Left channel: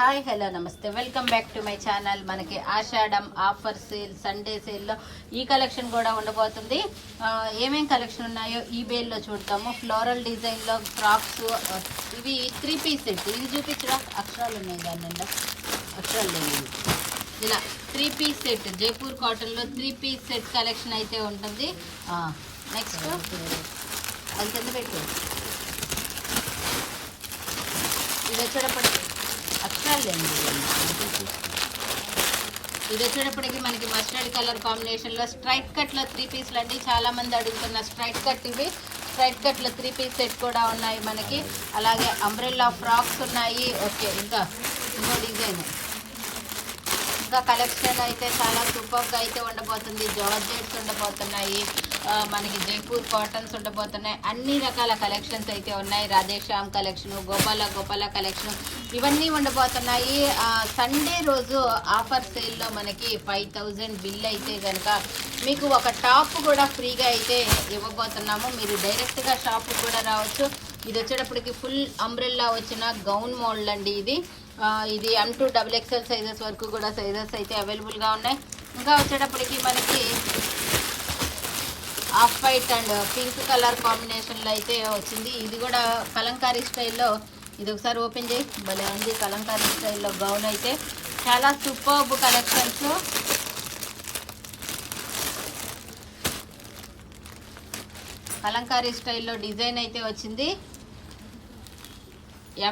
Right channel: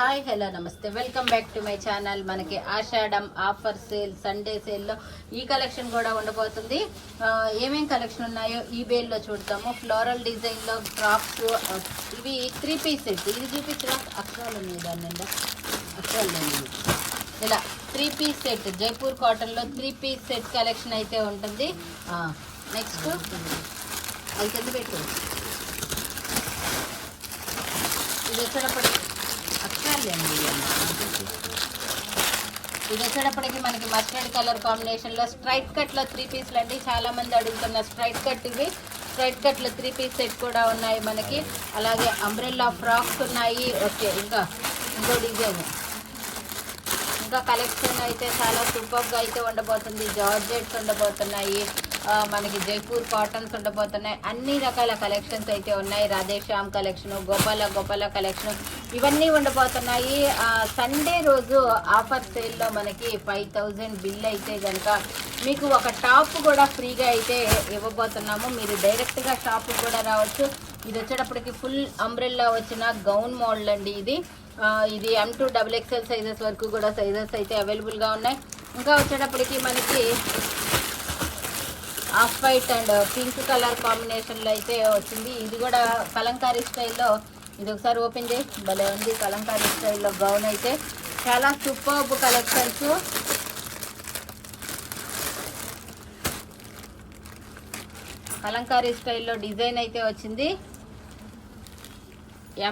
Hi hello నమస్తే welcome back to my channel. మనకి ఆషాఢం offer sale Sunday సేల్లో ఈ కలెక్షన్ కూడా ఉండబోతుంది. ఏమేం కలెక్షన్ ఉన్నాయో ఈ బేల్లో చూడతాము. ఫ్లోరల్ డిజైన్లో ఫ్రాక్స్, ఇవి 3 పీస్ సెట్. ఇవి చూపించరా, అక్షరాలు ఉన్నాయి దాని అక్షరాలు ఇలా 3 పీస్ సెట్. జైపూర్ కాటన్లో 3 పీస్ సెట్ కలెక్షన్ అయితే ఉంటుంది. నెక్స్ట్ అది కింద పెట్టు. ఇది వచ్చేటప్పటికి ఇది వచ్చేటప్పటికి మనకి మస్టర్డ్ కలర్ కాంబినేషన్లో స్ట్రైట్ కట్లో 3 పీస్లు అండి. చాలా మంది అడుగుతున్న స్ట్రైట్ కట్ ఇవి. స్ట్రైట్ కట్లో 3 పీస్ సెట్ కూడా ఉన్నాయి మనకి. అలాగే అంబ్రెల్లా ఫ్రాక్స్ ఉన్నాయి. ఓకే, ఇంకా ఇంకో డిజైన్, ఇంకా కలెక్షన్ అయితే చాలా సూపర్గా అయితే ఉండబోతుంది. జార్జెట్స్ ఉండబోతున్నాయి, మనకి జైపూర్ కాటన్స్ ఉండబోతున్నాయి. అన్ని రకాల కలెక్షన్స్ అయితే ఉన్నాయి. రాధేశ్యామ్ కలెక్షన్, గోపాల కలెక్షన్, ఇవన్నీ ఉండబోతున్నాయి. సండే రోజు ఆఫర్ సేల్లో మనకి 5000 బిల్ అయితే కనుక మీకు ఒక టాప్ కూడా ఫ్రీగా అయితే ఇవ్వబోతున్నాము. మీరు డైరెక్ట్గా షాప్ కూడా రావచ్చు. ఇది వచ్చేటప్పటికి ఫుల్ అంబ్రెల్లా వచ్చిన గౌన్ మోడల్ అండి. ఇది M2 XXL సైజెస్ వరకు కూడా సైజెస్ అయితే అవైలబుల్గా ఉన్నాయి. ఇంకా వచ్చేటప్పటికి మనకి off white and pink colour కాంబినేషన్లో అయితే వచ్చింది. ఇది కూడా కలంకారీ స్టైల్లో. ఇది ఒకసారి ఓపెన్ చేయి, భలే ఉంది. కలంకారీ స్టైల్లో గౌన్ అయితే చాలా సూపర్బ్ కలెక్షన్స్. కలంకారీ స్టైల్లో డిజైన్ అయితే వచ్చింది.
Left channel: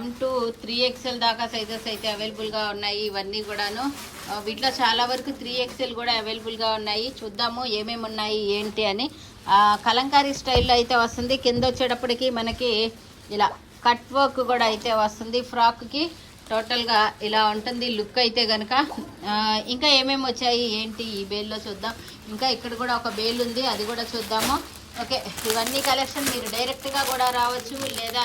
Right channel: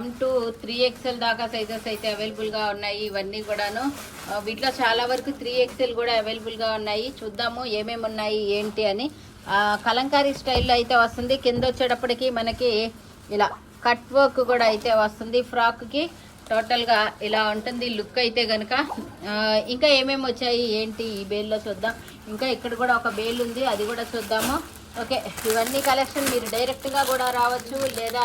M2 3XL దాకా సైజెస్ అయితే అవైలబుల్గా ఉన్నాయి. ఇవన్నీ కూడాను వీటిలో చాలా వరకు 3XL కూడా అవైలబుల్గా ఉన్నాయి. చూద్దాము ఏమేమి ఉన్నాయి ఏంటి అని. కలంకారీ స్టైల్లో అయితే వస్తుంది. కింద వచ్చేటప్పటికి మనకి ఇలా కట్ వర్క్ కూడా అయితే వస్తుంది. ఫ్రాక్కి టోటల్గా ఇలా ఉంటుంది లుక్ అయితే కనుక. ఇంకా ఏమేమి వచ్చాయి ఏంటి ఈ బేల్లో చూద్దాం. ఇంకా ఇక్కడ కూడా ఒక బేల్ ఉంది, అది కూడా చూద్దాము. ఓకే, ఇవన్నీ కలెక్షన్ మీరు డైరెక్ట్గా కూడా రావచ్చు, లేదా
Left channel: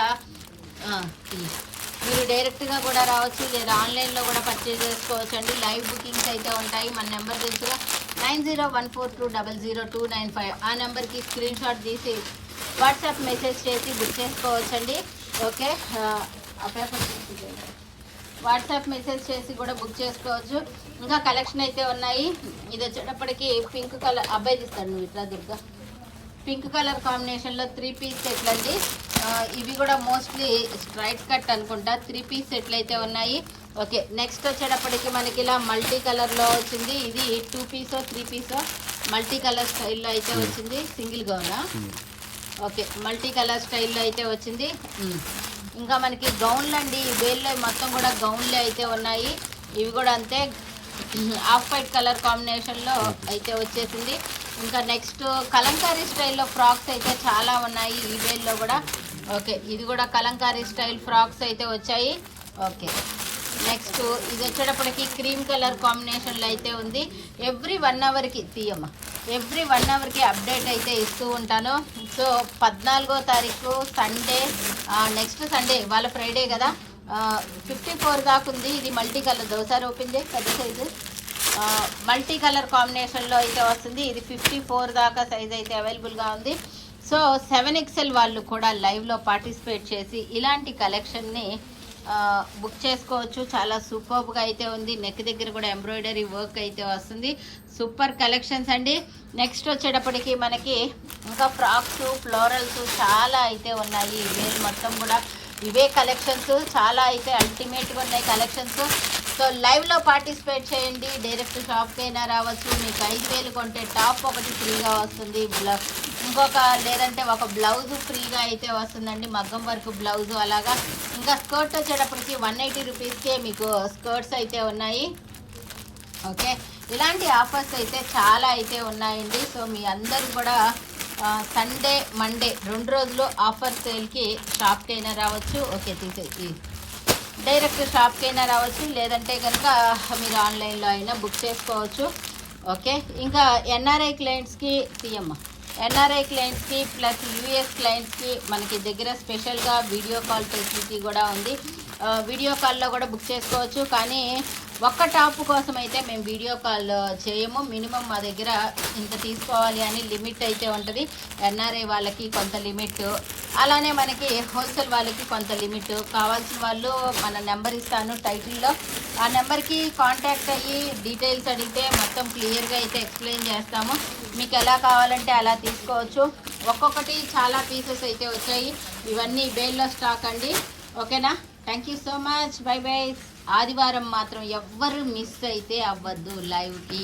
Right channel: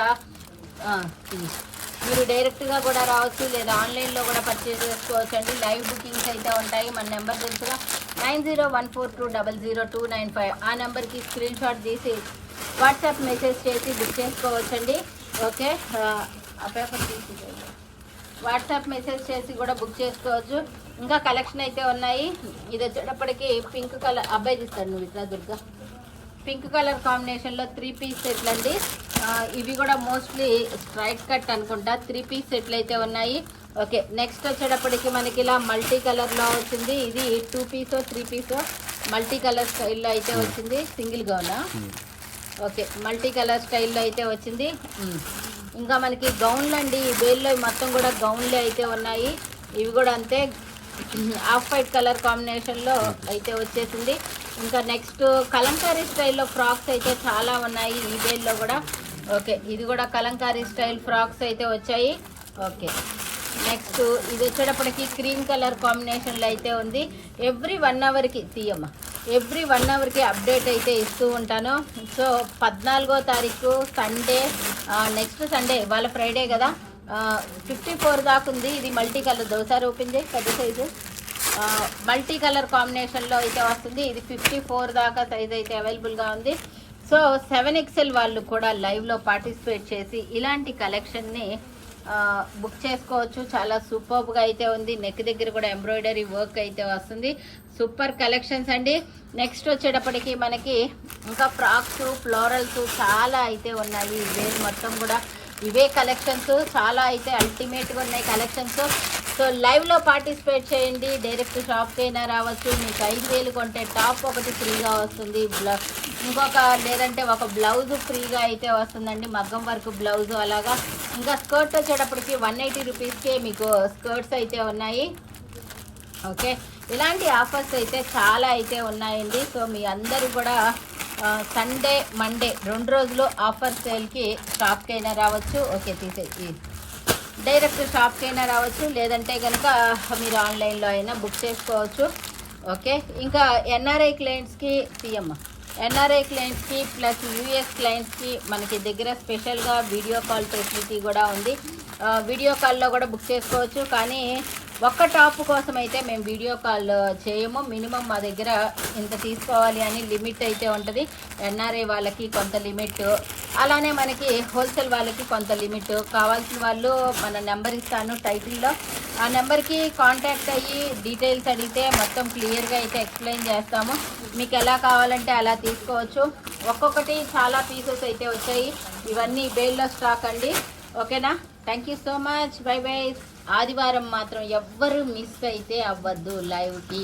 ఆన్లైన్లో కూడా పర్చేజ్ చేసుకోవచ్చు అండి. లైవ్ బుకింగ్స్ అయితే ఉంటాయి. మన నెంబర్ తెలుసుగా 9014200295. ఆ నెంబర్కి స్క్రీన్ షాట్ తీసి వాట్సాప్ మెసేజ్ చేసి బుక్ చేసుకోవచ్చు అండి. ఓకే, ఆ పేపర్ తీసి వాట్సాప్ మెసేజ్ చేసి కూడా బుక్ చేసుకోవచ్చు. ఇంకా కలెక్షన్ అయితే ఉన్నాయి. ఇది వచ్చేటప్పటికి పింక్ కలర్, అబ్బాయి తీస్తాడు నువ్వు ఇట్లా దుర్గా. పింక్ కలర్ కాంబినేషన్లో 3 పీస్ సెట్లు అండి. ఇవి కూడా మోస్ట్లీ స్ట్రైట్ కట్ అనుకుంటా. 3 పీస్ సెట్లు అయితే ఉన్నాయి. ఓకే, నెక్స్ట్ వచ్చేటప్పటికి మనకి ఇలా మల్టీ కలర్లో వచ్చింది. ఇది 2 పీసో 3 పీసో మల్టీ కలర్ స్టైల్లో అయితే వచ్చింది. సింగిల్గా ఉన్నా. ఓకే, మల్టీ కలర్ స్టైల్లో అయితే వచ్చింది. ఇంకా మనకి గౌన్లు అండి. ఈ బేల్లో మొత్తం కూడా గౌన్లే అయితే ఉన్నాయి. ఇవి కూడా అంతే, ఆఫ్ వైట్ కలర్ కాంబినేషన్లో అయితే వచ్చేసింది. ఇంకా నెక్స్ట్ కలంకారీ స్టైల్లో ఫ్రాక్స్ అయితే చాలా ఉన్నాయి ఈ బేల్లో కూడా. ఓకే, ఇది కూడా కలంకారీ స్టైల్ ఫ్రాక్స్ అయితే వచ్చాయి. ఓకే, నెక్స్ట్ ఇది వచ్చేటప్పటికి క్రీమ్ కలర్ కాంబినేషన్లో అయితే ఉంది. ఎవ్రీ 1 అవర్కి తీయమ్మ, ఎవ్రీ 1 అవర్కి అప్డేట్ అయితే ఇస్తూ ఉంటాను. సో 14వ తారీఖు సండే, నెక్స్ట్ సండే, ఇవాళ ఫ్రైడే కదా, 54 దాకా ఉంది. ఇది మల్టీ కలర్, ఒకసారి ఓపెన్ చేసి పెద్ద సైజు మల్టీ కలర్ కాంబినేషన్లో అయితే వస్తుంది. ఇది 54 దాకా సైజ్ అయితే అవైలబుల్గా ఉంది. సో 7XL వాళ్ళు కూడా లైవ్లో పార్టిసిపేట్ చేసి ఇలాంటి కలెక్షన్ని బుక్ చేసుకోవచ్చు. చాలా సూపర్గా అయితే ఉంది. నెక్ దగ్గర కూడా ఎంబ్రాయిడరీ వర్క్ అయితే వస్తుంది. సూపర్ కలెక్షన్స్ అండి. నెక్స్ట్ వచ్చేటప్పటికి మనకి ఇంకా ఫ్రాక్స్, ఫ్లోరల్స్ చాలా అయితే ఉన్నాయి. ఇవే మొత్తం కూడా ఇవే కలెక్షన్స్, చాలా అయితే అల్టిమేట్గా ఉన్నాయి కలెక్షన్స్. సో లైవ్లో పార్టిసిపేట్ చేయండి. డైరెక్ట్ షాప్కి అయినా రావచ్చు. మీకు 5000 కొంటే టాప్ ఒకటి ఫ్రీగా వస్తుంది. లేదంటే ఒక బ్లౌజ్ ఫ్రీగా అయితే వస్తుందండి, మగ్గం వర్క్ బ్లౌజు అలాగా. ఇంకా స్కర్ట్ వచ్చేటప్పటికి 180 రూపీస్కే మీకు స్కర్ట్స్ అయితే ఉన్నాయి. ఓకే, ఇలాంటి ఆఫర్స్ అయితే చాలా అయితే ఉన్నాయండి. సో మీ అందరూ కూడా సండే మండే 2 రోజులు ఆఫర్ సేల్కి షాప్కి అయినా రావచ్చు. ఓకే, తీసేసి డైరెక్ట్ షాప్కి అయినా రావచ్చు, లేదంటే కనుక మీరు ఆన్లైన్లో అయినా బుక్ చేసుకోవచ్చు. ఓకే, ఇంకా ఎన్ఆర్ఐ క్లయింట్స్కి ఎన్ఆర్ఐ క్లయింట్స్కి ప్లస్ యూఎస్ క్లయింట్స్కి మనకి దగ్గర స్పెషల్గా వీడియో కాల్ ఫెసిలిటీ కూడా ఉంది. వీడియో కాల్లో కూడా బుక్ చేసుకోవచ్చు. కానీ ఒక్క టాప్ కోసం అయితే మేము వీడియో కాల్ చేయము. మినిమం మా దగ్గర ఇంత తీసుకోవాలి అని లిమిట్ అయితే ఉంటుంది. ఎన్ఆర్ఐ వాళ్ళకి కొంత లిమిట్, అలానే మనకి హోల్సేల్ వాళ్ళకి కొంత లిమిట్. కావాల్సిన వాళ్ళు మన నెంబర్ ఇస్తాను టైటిల్లో, ఆ నెంబర్కి కాంటాక్ట్ అయ్యి డీటెయిల్స్ అడిగితే మొత్తం క్లియర్గా అయితే ఎక్స్ప్లెయిన్ చేస్తాము. మీకు ఎలా కావాలంటే అలా తీసుకోవచ్చు. ఒక్కొక్కటి చాలా పీసెస్ అయితే వచ్చాయి. ఇవన్నీ బేల్లో స్టాక్ అండి. ఓకేనా, thank you so much, by by. ఆదివారం మాత్రం ఎవ్వరు మిస్ అయితే అవ్వద్దు లైవ్కి.